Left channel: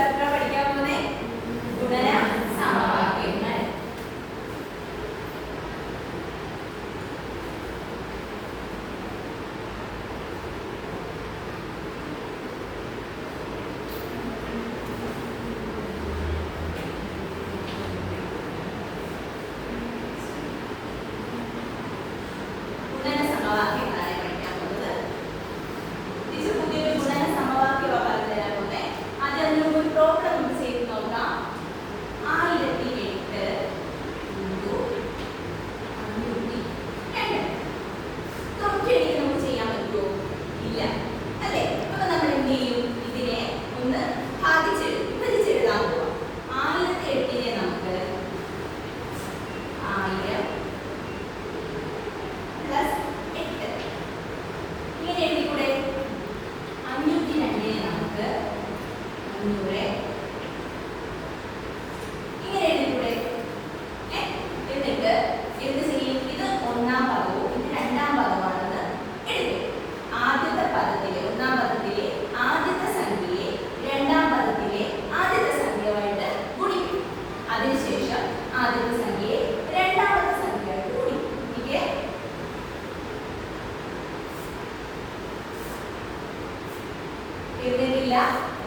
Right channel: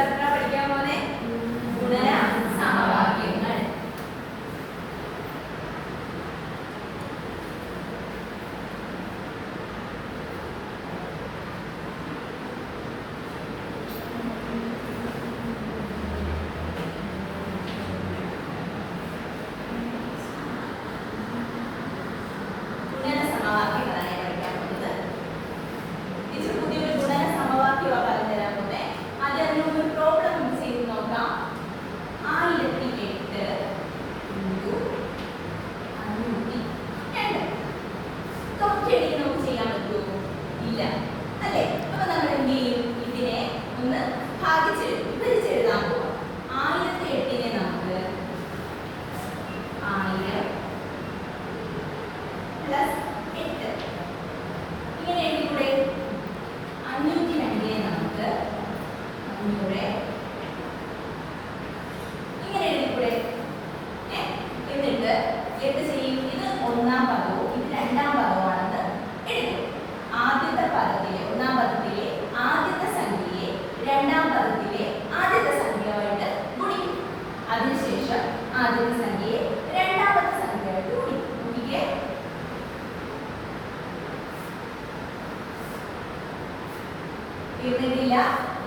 Chapter പഠിക്കാൻ പോകുന്നേ ഗുണന സമവാക്യങ്ങൾ.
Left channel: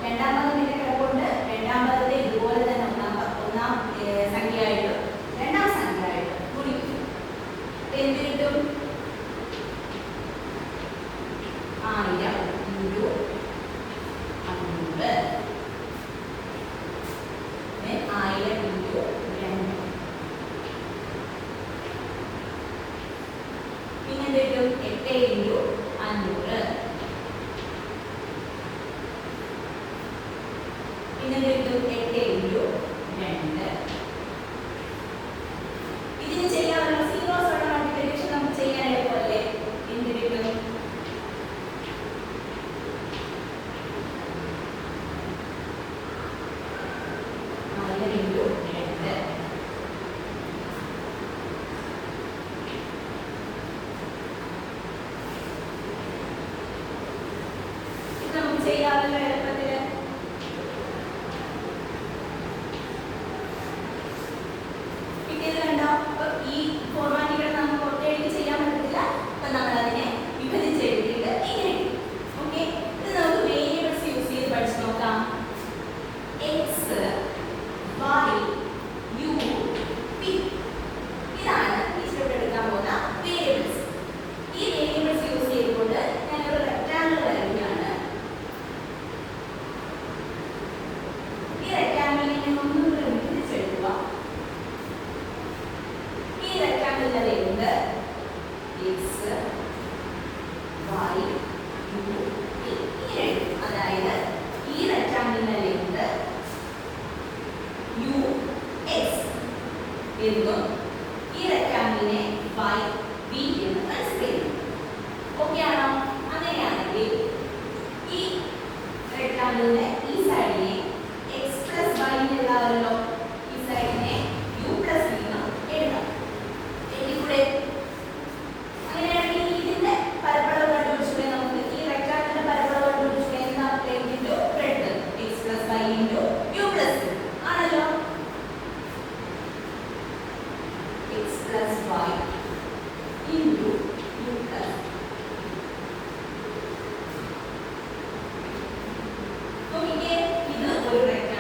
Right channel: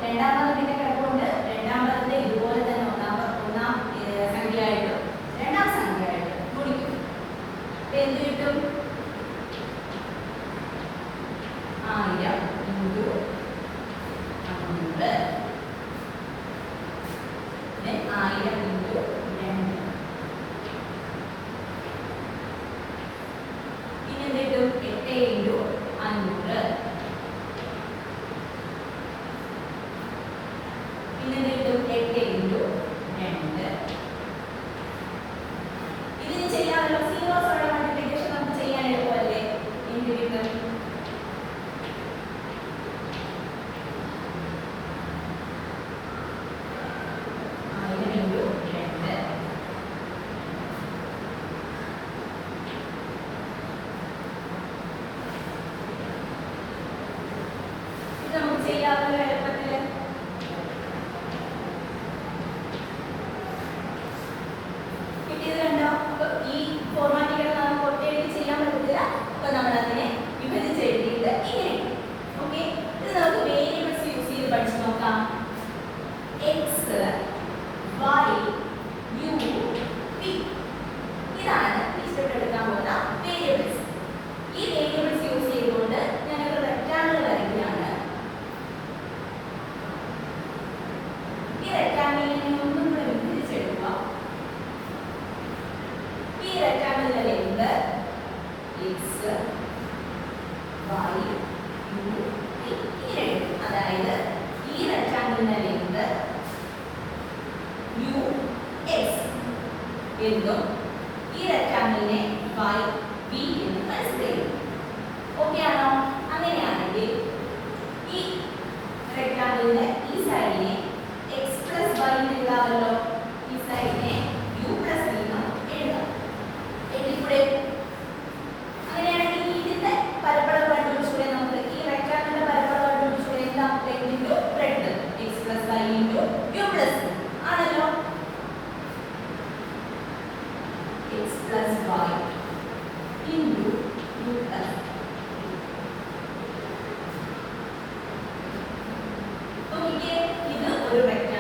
രണ്ടാം പദത്തിന്റെ കിടപ്പുണ്ട്. രണ്ടാം പദത്തെ ഇതുപോലെ തന്നെ ഒന്നാം സംഖ്യയായിട്ടും രണ്ടാം സംഖ്യയായിട്ടും ഗുണിക്കും. എന്ത് കിട്ടും? 1000 × 500 1000 × 2. പിന്നെ എന്ത് കിട്ടും? 8 × 500. പിന്നെ എന്ത് കിട്ടും? 8 × 2. ഇതിന് ചെയ്യാമല്ലോ. സീറോസ് ഉള്ള മൾട്ടിപ്ലിക്കേഷൻ നമുക്ക് ചെയ്യാൻ എളുപ്പമല്ലേ? എന്ത് കിട്ടും? 1000 × 2. ഇത് നമുക്ക് ചെയ്യാമല്ലോ എളുപ്പത്തിൽ. ഈ ഫോർമാറ്റുകൾ നമുക്ക് ഒറ്റയടിക്ക് ചെയ്യാൻ പറ്റില്ല. അപ്പൊ നമ്മൾ അതിനെ വിഭജിച്ച് എഴുതിയിട്ട് ഇങ്ങനെ. ഓക്കെ, ഇത് നമുക്ക് വേരിയബിൾസ് യൂസ് ചെയ്ത് പഠിച്ചു നോക്കാം. എക്സ്, വൈ, യു, പി ഇതാണ് ടീച്ചറോട് എടുക്കാൻ പോകുന്ന വേരിയബിൾസ്. ഈ വേരിയബിൾസ് യൂസ് ചെയ്തുകൊണ്ട് ഞങ്ങൾ റെക്ടാങ്കിൾ വരയ്ക്കുകയാണ്. ഈ റെക്ടാങ്കിളിനെ ഒന്നും കൂടെ വിഭജിച്ചെടുക്കുക. X, Y, U, P. അതായത് ഈ റെക്ടാങ്കിളിന്റെ ലെങ്ത് U, X എന്നും ഈ റെക്ടാങ്കിളിനെ Y, V എന്നും കൺസിഡർ ചെയ്യുന്നു. ഓക്കെ ആണോ? അങ്ങനെയാണെങ്കിൽ ഈ റെക്ടാങ്കിളിന്റെ ഈ സൈഡിനെ X + Y എഴുതാമല്ലോ. ഈ സൈഡിനെ U + V എന്നും എഴുതാം. എഴുതിക്കൂടെ? അങ്ങനെയാണെങ്കിൽ ഇതിന്റെ പരപ്പളവ് കണ്ടുപിടിച്ചൂടെ? നമുക്ക് ഈ റെക്ടാങ്കിളിന്റെ പരപ്പളവ് കണ്ടുപിടിച്ചൂടെ? എന്താ? Length × breadth x + y × u + v ആണല്ലോ. x + y × u + v. നോക്കിക്കേ, ഇത് ഒരു റെക്ടാങ്കിൾ